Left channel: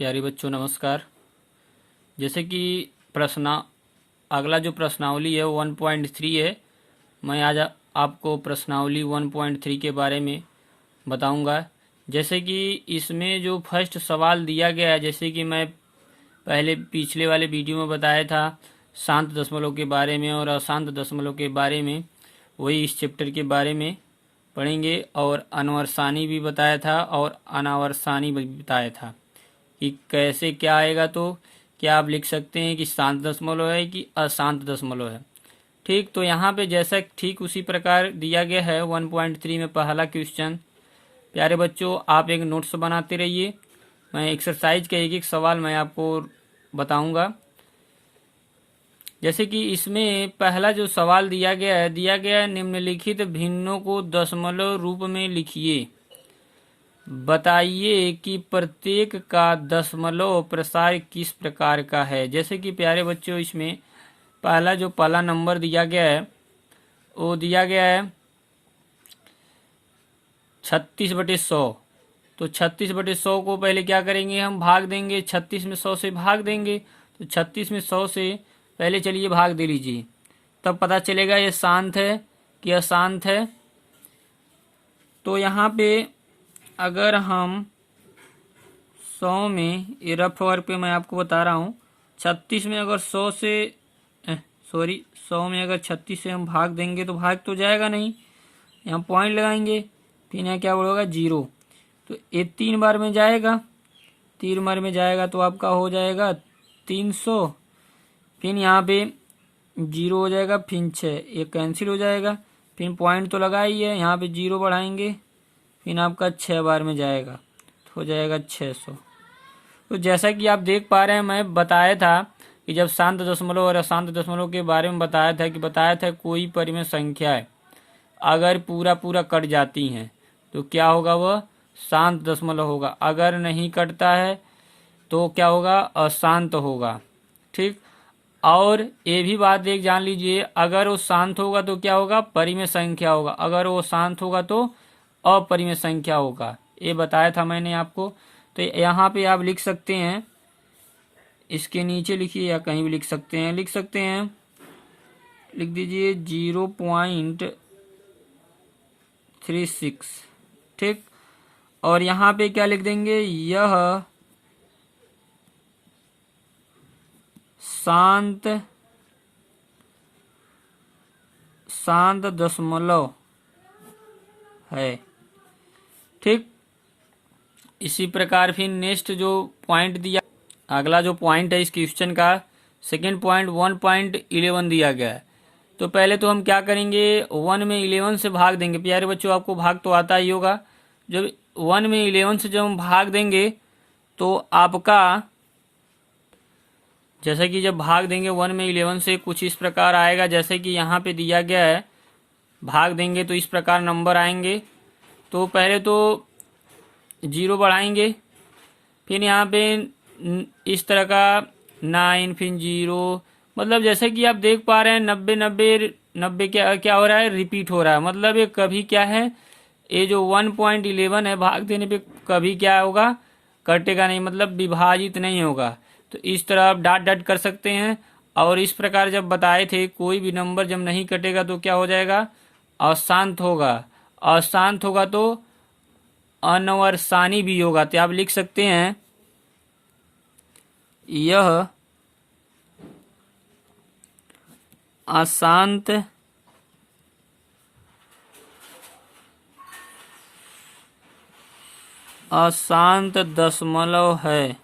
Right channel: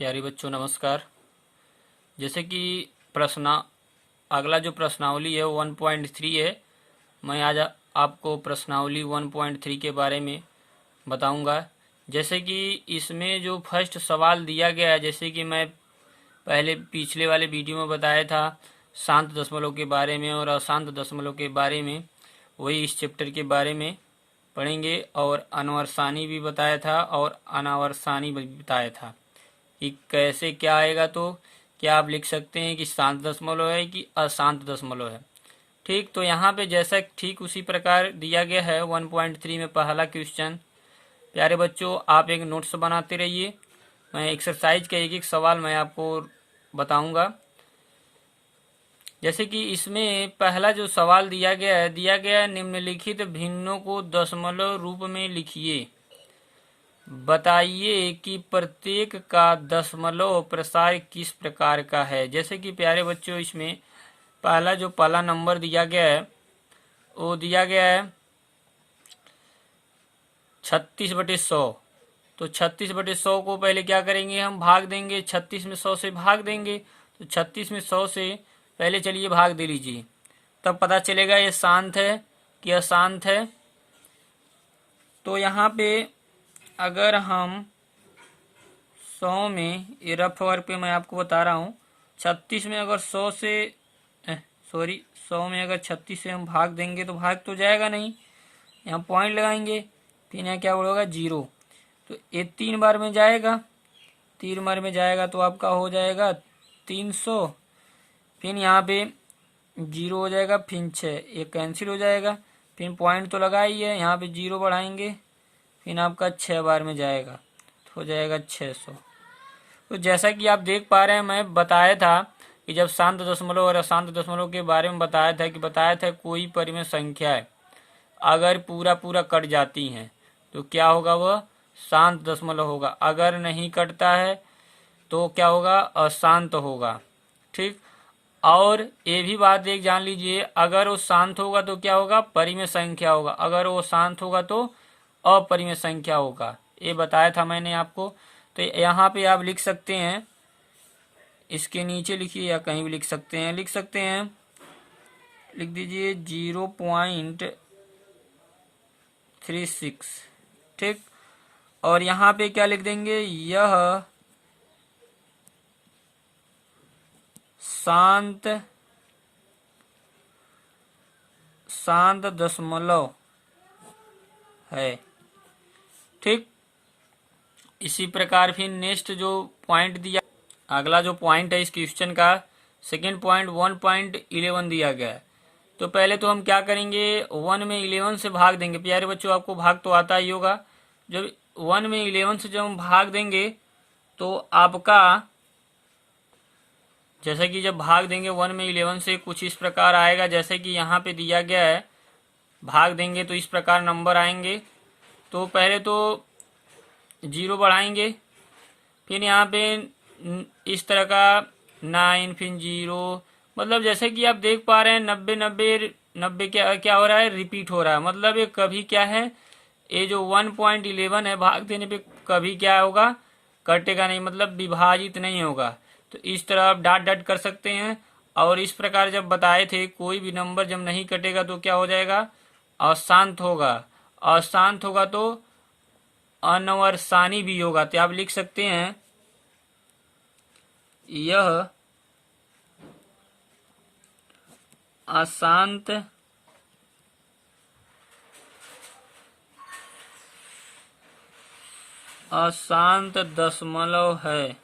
प्यारे बच्चों नमस्कार। जैसे कि अगला जो प्रश्नावली है 1.3 है। मैं आज आपको प्रश्नावली 1.3 के बारे में बताऊंगा। जैसे कि इसमें जो फर्स्ट सवाल दिया गया है, जैसे कि मैं पहले पिछले वाले वीडियो में बताया था शांत दशमलव के बारे में और अशांत दशमलव के बारे में, वही इस चैप्टर के बारे में पढ़ेंगे। और अनवर्सानी भी बताया था और अनावर्सानी भी बताया था कि कैसे क्या आएगा। तो क्या आप लिख सकते हैं कि शांत दशमलव है कि अशांत दशमलव है। ठीक, तो यहाँ पे जैसा ठीक उसी प्रकार दिया गया है 1.3 में पहला क्वेश्चन। प्यारे बच्चों, आप एक नोट्स बनाते रहिए। मैं एक्सरसाइज का एक एक सवाल मैं आपको बताऊंगा। जैसे कि इसमें पहला जो सवाल दिया गया है निम्नलिखित भिन्नों को दशमलव रूप में लिखिए। बताइए कि प्रत्येक का दशमलव प्रसार किस प्रकार का है। जैसे कि प्यारे बच्चों, इसमें पहला नंबर दिया गया है वो दिया गया है 36/100। तो 36/100 को पहले क्या करेंगे, हम भाग देंगे। 36 में 100 से भाग देंगे। तो 36 में 100 से पहले चलिए भाग दे लीजिए, तब पता चलेगा ये शांत है कि अशांत है। तो यहाँ पे अगर हम 100 में, ये रफ वर्क पे मैं आपको बता रहा हूँ, 36 में अगर 100 में अगर 36 से हम भाग देंगे तो भाग तो जाएगा नहीं, यहाँ पॉइंट लगाएंगे, फिर यहाँ क्या होगा 0। तो ये 3 बार में जाएगा, 3 बार में जाएगा तो आपका हो जाएगा 300। फिर यहाँ पे 0 हो जाएगा, फिर 6, ये कैंसिल हो जाएगा। फिर पॉइंट तो लगा ही है, यहाँ पे 0 बढ़ाएंगे, फिर आपका 6 बार में जाएगा तो हो जाएगा 600। तो जैसा कि आप देख पा रहे हैं, मैं बताया था कि जब शांत दशमलव और अशांत दशमलव के बारे में बताया था कोई परिमेय संख्याएं अगर पूरा कट जाती हैं तो क्या होगा, वह शांत दशमलव होगा। अगर नहीं कटता है तो क्या होगा, अशांत होगा। ठीक, और ये भी बात एक जान लीजिए, अगर वो शांत होगा तो क्या होगा, परिमेय संख्या होगा। अगर वो शांत होगा तो अपरिमेय संख्या होगा। ये बताया था मैंने आपको। तो यहाँ पे आप लिख सकते हैं, इसके नीचे लिखिए या कहीं भी लिख सकते हैं, लिख दीजिए 0.36। ठीक, और यहाँ पे क्या लिख देंगे, यह शांत दशमलव है। ठीक, इसी प्रकार फिर नेक्स्ट जो पॉइंट दिया, अगला जो पॉइंट है इस क्वेश्चन का, सेकंड पॉइंट 1.11 दिया गया है। तो पहले तो हम क्या करेंगे, 1 में 11 से भाग देंगे। प्यारे बच्चों, आपको भाग तो आता ही होगा। जब 1 में 11 से जब हम भाग देंगे तो आपका, जैसे कि जब भाग देंगे 1 में 11 से, कुछ इस प्रकार आएगा। जैसे कि यहाँ पे दिया गया है, भाग देंगे तो इस प्रकार नंबर आएंगे। तो पहले तो 0 बढ़ाएंगे, फिर यहाँ पे इस तरह का 9, फिर 0, मतलब जैसे कि आप देख पा रहे हैं 90 क्या हो रहा है, रिपीट हो रहा है। मतलब ये कभी क्या है, ये जो 1.11 है भाग देने पे कभी क्या होगा, कटेगा नहीं, मतलब विभाजित नहीं होगा। तो इस तरह आप डॉट कर सकते हैं। और इस प्रकार जब बताए थे, कोई भी नंबर जब नहीं कटेगा तो क्या हो जाएगा, अशांत होगा। अशांत होगा तो अनवर्सानी भी होगा। तो आप लिख सकते हैं, यह अशांत दशमलव है।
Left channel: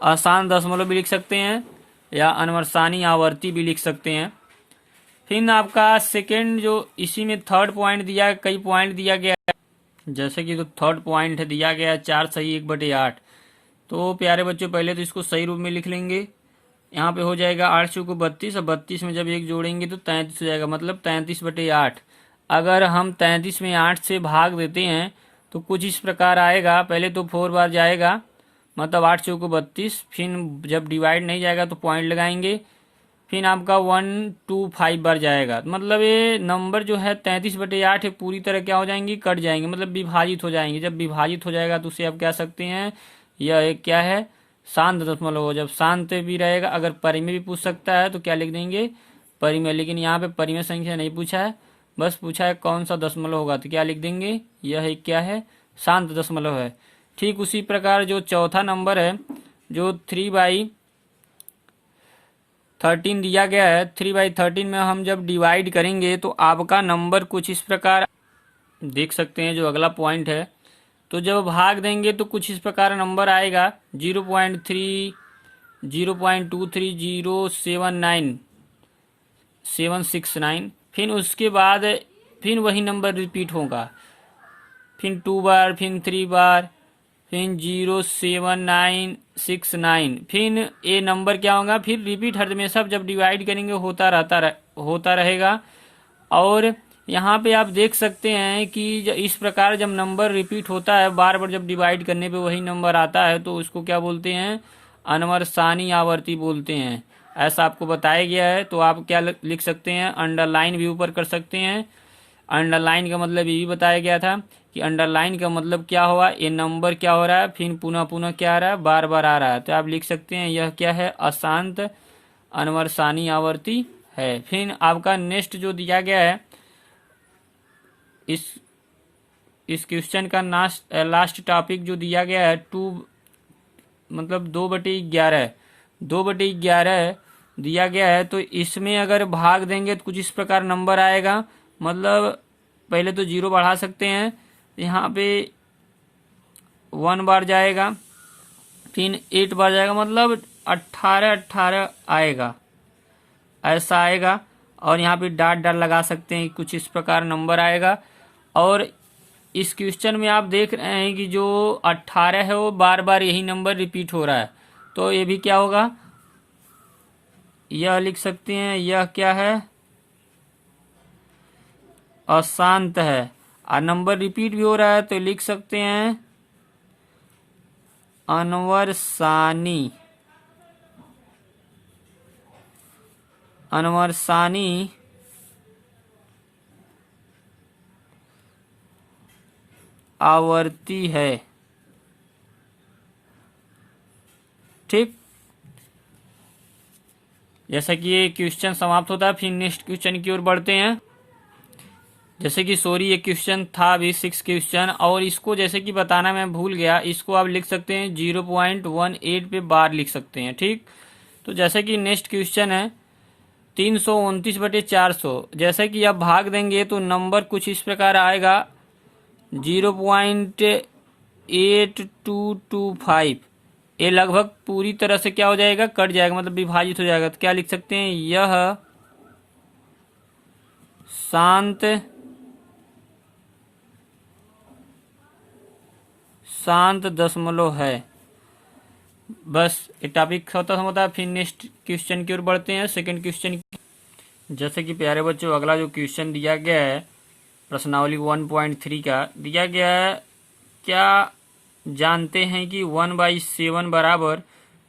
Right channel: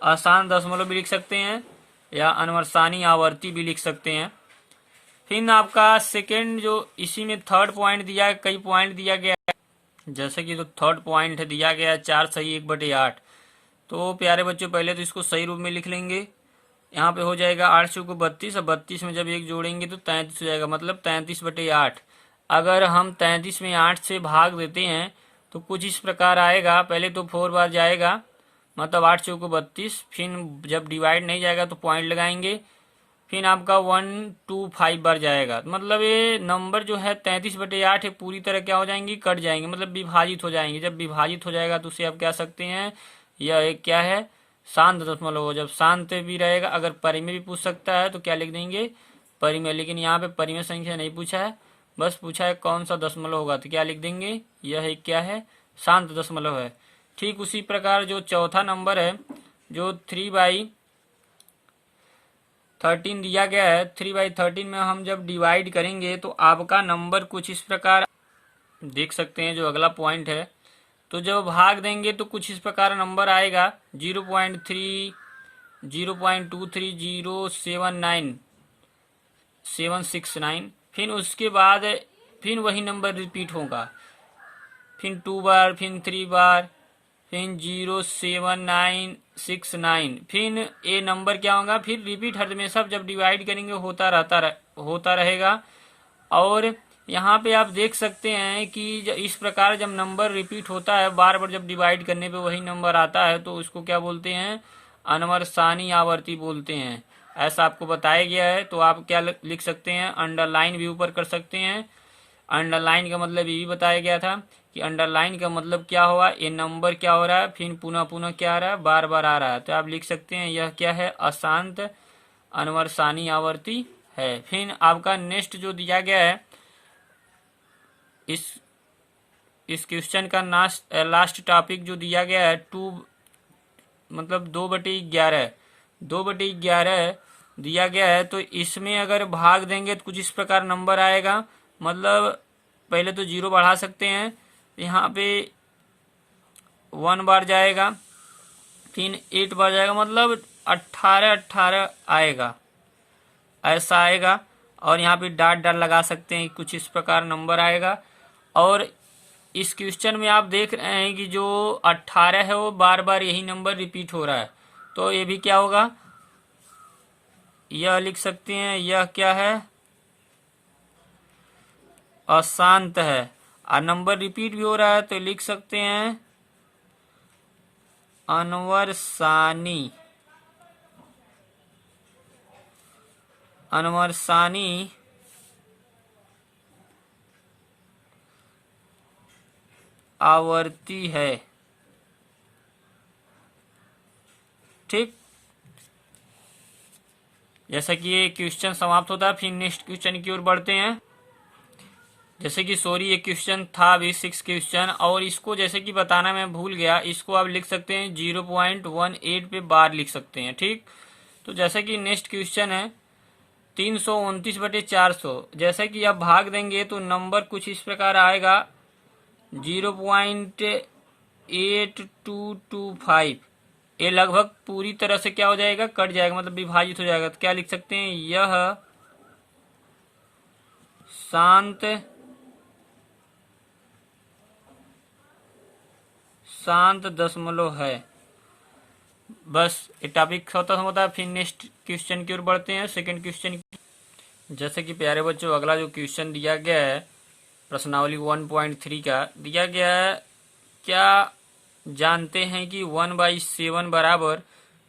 अशांत दशमलव भी लिख सकते हैं या अनवर्सानी आवर्ती भी लिख सकते हैं। फिर आपका सेकंड जो इसी में थर्ड पॉइंट दिया, कई पॉइंट दिया गया है। जैसे कि तो थर्ड पॉइंट दिया गया है 4 सही 1/8। तो प्यारे बच्चों, पहले तो इसको सही रूप में लिख लेंगे। यहाँ पे हो जाएगा 8 चौको 32, और 32 में जब 1 जोड़ेंगे तो 33 हो जाएगा, मतलब 33/8। अगर हम 33 में 8 से भाग देते हैं तो कुछ इस प्रकार आएगा। पहले तो 4 बार जाएगा, मतलब 8 चौको 32। फिर जब डिवाइड नहीं जाएगा तो पॉइंट लगाएंगे, फिर आपका 1 2 5 बार जाएगा। मतलब ये नंबर जो है 33/8 है, पूरी तरह क्या हो जाएंगी, कट जाएंगे, मतलब विभाजित हो जाएंगे। जब विभाजित हो जाएगा तो उसे आप कह सकते हैं यह एक क्या है, शांत दशमलव हो। जब शांत भी रहेगा, अगर परिमेय भी पूछ सकता है तो क्या लिख देंगे, परिमेय। लेकिन यहाँ पे परिमेय संख्या नहीं पूछा है, बस पूछा है कौन सा दशमलव होगा, तो क्या लिख देंगे, यह एक क्या है, शांत दशमलव है। ठीक उसी प्रकार जो चौथा नंबर है, जो 3/13 दिया गया है, 3/13 में हम जब डिवाइड करेंगे तो आपका नंबर कुछ इस प्रकार देख सकते हैं। जो अगला पॉइंट है, तो जब भाग देंगे तो कुछ इस प्रकार नंबर आएगा 0.3 0.23079 फिर उसके बाद फिर वही नंबर रिपीट होगा, फिर 2 बार, फिर 3 बार, फिर 07969, फिर ये नंबर क्या होगा, फिर रिपीट हर हमेशा जब डिवाइड करेंगे होता रहेगा। और यहाँ पे आप देख सकते हैं कि इस प्रकार जब नंबर रिपीट होता है, बार बार जब डिवाइड करने पे वही नंबर आता है, तो उसको क्या बोलते हैं, अनवर्सानी आवर्ती बोलते हैं। ऐसा आपको बताया गया है। तो आप क्या लिख सकते हैं, अंडरलाइन भी ऊपर कर सकते हैं। अंडरलाइन का मतलब ये भी बताया गया था कि अंडरलाइन का मतलब क्या हुआ, ये नंबर क्या हो रहा है, फिर पुनः पुनः क्या आ रहा है, बार बार आ रहा है। तो आप लिख सकते हैं यह क्या है, अशांत अनवर्सानी आवर्ती है। फिर आपका नेक्स्ट जो दिया गया है, इस क्वेश्चन का लास्ट टॉपिक जो दिया गया है, 2/11 2/11 दिया गया है। तो इसमें अगर भाग देंगे तो कुछ इस प्रकार नंबर आएगा। मतलब पहले तो 0 बढ़ा सकते हैं, यहाँ पे 1 बार जाएगा, फिर 8 बार जाएगा, मतलब 18 आएगा, ऐसा आएगा। और यहाँ पे डॉट लगा सकते हैं, कुछ इस प्रकार नंबर आएगा। और इस क्वेश्चन में आप देख रहे हैं कि जो 18 है वो बार बार यही नंबर रिपीट हो रहा है। तो ये भी क्या होगा, यह लिख सकते हैं, यह क्या है, अशांत है। और नंबर रिपीट भी हो रहा है तो लिख सकते हैं अनवर्सानी आवर्ती है। ठीक, जैसा कि ये क्वेश्चन समाप्त होता है, फिर नेक्स्ट क्वेश्चन की ओर बढ़ते हैं। जैसे कि ये क्वेश्चन था अभी 6 क्वेश्चन, और इसको जैसे कि बताना मैं भूल गया, इसको आप लिख सकते हैं 0.18 पे बार लिख सकते हैं। ठीक, तो जैसे कि नेक्स्ट क्वेश्चन है 329/400। जैसे कि आप भाग देंगे तो नंबर कुछ इस प्रकार आएगा 0.8225। ये लगभग पूरी तरह से क्या हो जाएगा, कट जाएगा, मतलब विभाजित हो जाएगा। तो क्या लिख सकते हैं, यह शांत दशमलव है। बस ये टॉपिक खत्म होता है। फिर नेक्स्ट क्वेश्चन की ओर बढ़ते हैं, सेकंड क्वेश्चन। जैसे कि प्यारे बच्चों, अगला जो क्वेश्चन दिया गया है प्रश्नावली 1.3 का दिया गया है, क्या जानते हैं कि 1/7 बराबर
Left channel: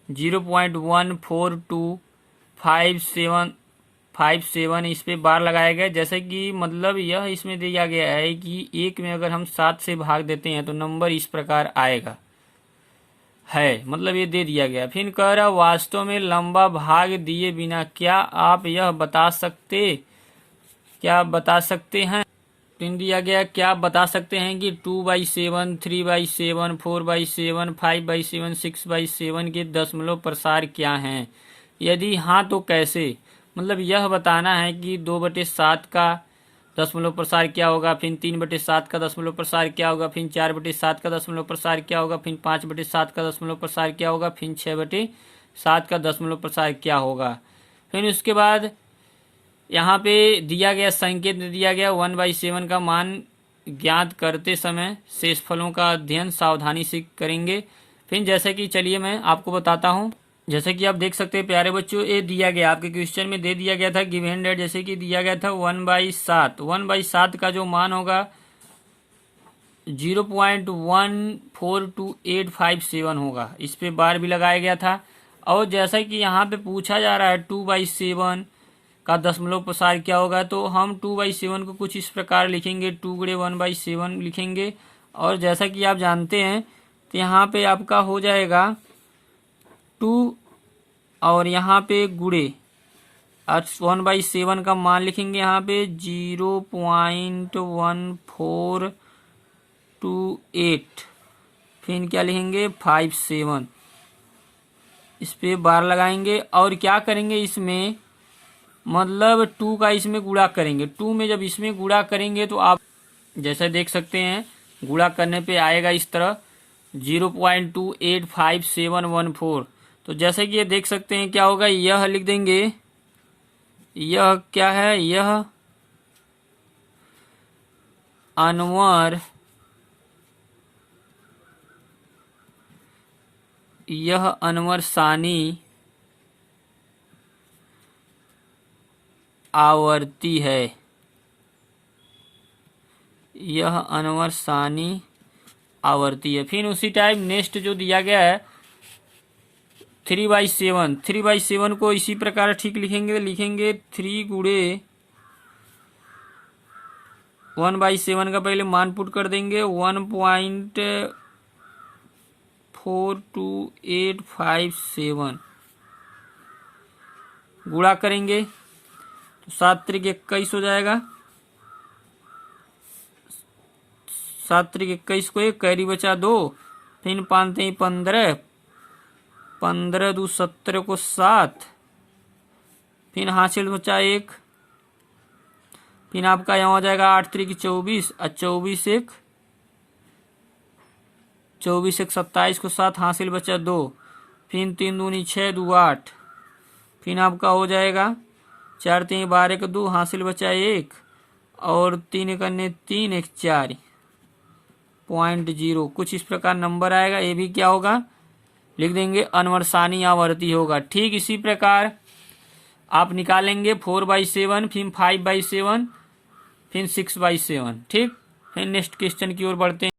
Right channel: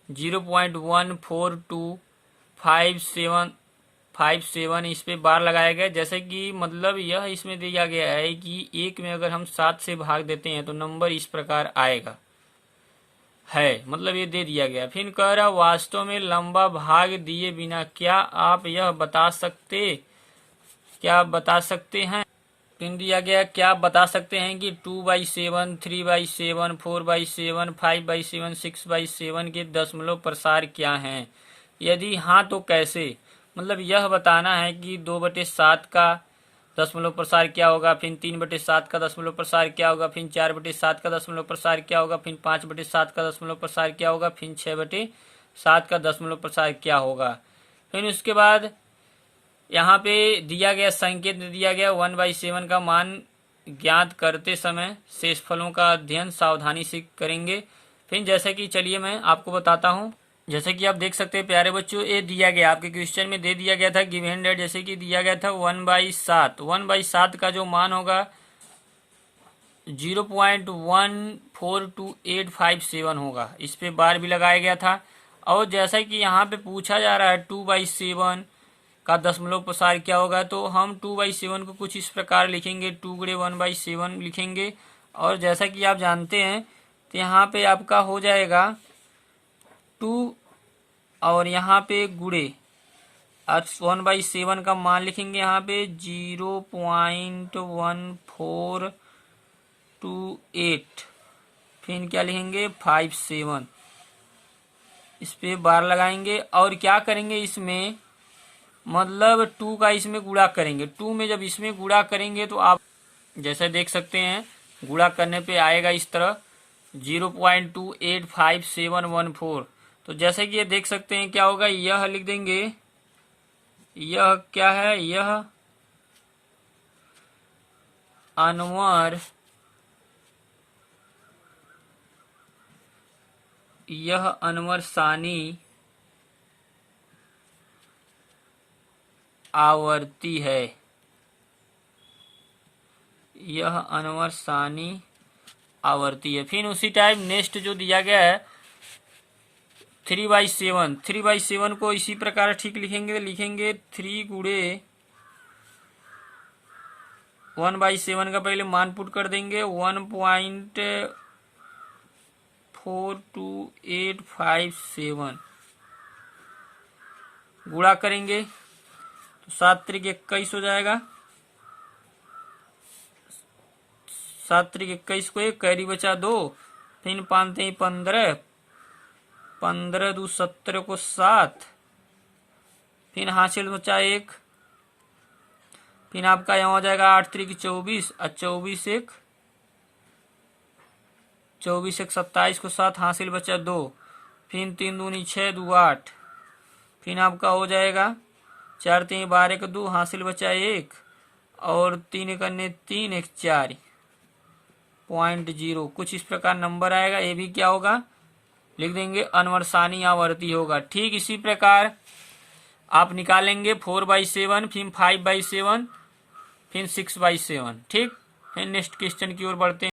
0.14257 इस पे बार लगाया गया। जैसे कि मतलब यह इसमें दिया गया है कि 1 में अगर हम 7 से भाग देते हैं तो नंबर इस प्रकार आएगा है, मतलब ये दे दिया गया। फिर कह रहा वास्तव में लंबा भाग दिए बिना क्या आप यह बता सकते हैं। पिन दिया गया, क्या आप बता सकते हैं कि 2/7, 3/7, 4/7, 5/7, 6/7 के दशमलव प्रसार क्या हैं? यदि हाँ तो कैसे? मतलब यह बताना है कि 2/7 का दशमलव प्रसार क्या होगा, फिर 3/7 का दशमलव प्रसार क्या होगा, फिर 4/7 का दशमलव प्रसार क्या होगा, फिर 5/7 का दशमलव प्रसार क्या होगा, फिर 6/7 का दशमलव प्रसार क्या होगा। फिर उसके बाद यहाँ पे दिया गया संकेत दिया गया 1/7 का मान ज्ञात करते समय शेषफलों का अध्ययन सावधानी से करेंगे। फिर जैसे कि चलिए मैं आपको बताता हूँ। जैसे कि आप देख सकते हैं प्यारे बच्चों, ये दिया गया आपके क्वेश्चन में दे दिया गया था गिवन डेट, जैसे कि दिया गया था 1/7 का जो मान होगा 0.142857 होगा। इस पे बार भी लगाया गया था। और जैसा कि यहाँ पे पूछा जा रहा है 2/7 का दशमलव प्रसार क्या होगा, तो हम 2/7 को कुछ इस प्रकार लिखेंगे, 2 × 1/7 लिखेंगे। और जैसा कि आप जानते हैं तो यहाँ पे आपका हो जाएगा 2 और यहाँ पे गुड़े 1/7 का मान लिखेंगे यहाँ पे 0.1428। फिर क्या लिखेंगे 57। इस पे बार लगाएंगे और क्या करेंगे इसमें, मतलब 2 का इसमें गुणा करेंगे। 2 में जब इसमें गुणा करेंगे तो आप जैसे देख सकते हैं गुणा करने पे आएगा इस तरह 0.285714। तो जैसे कि ये देख सकते हैं क्या होगा, यह लिख देंगे, यह क्या है, यह अनवर सानी आवर्ती है। यह अनवर सानी आवर्ती है। फिर उसी टाइप नेक्स्ट जो दिया गया है 3/7 को इसी प्रकार ठीक लिखेंगे 3 गुणे 1/7 का पहले मान पुट कर देंगे 1.42857 गुणा करेंगे तो 7 त्रिक 21 हो जाएगा। 7 त्रिक 21 को 1 कैरी बचा 2, फिर 5 3 15, 15 2 17 को 7, फिर हासिल बचा 1, फिर आपका यहाँ हो जाएगा 8 त्रिक 24 और 24 1 27 को 7 हासिल बचा 2, फिर 3 दूनी 6 2 8, फिर आपका हो जाएगा 4 3 12 को 2 हासिल बचा 1 और 3 करने 3 1 4.0 कुछ इस प्रकार नंबर आएगा। ये भी क्या होगा लिख देंगे अनवर सानी आवर्ती होगा। ठीक इसी प्रकार आप निकालेंगे 4/7, फिर 5/7, फिर 6/7। ठीक, फिर नेक्स्ट क्वेश्चन की ओर बढ़ते हैं।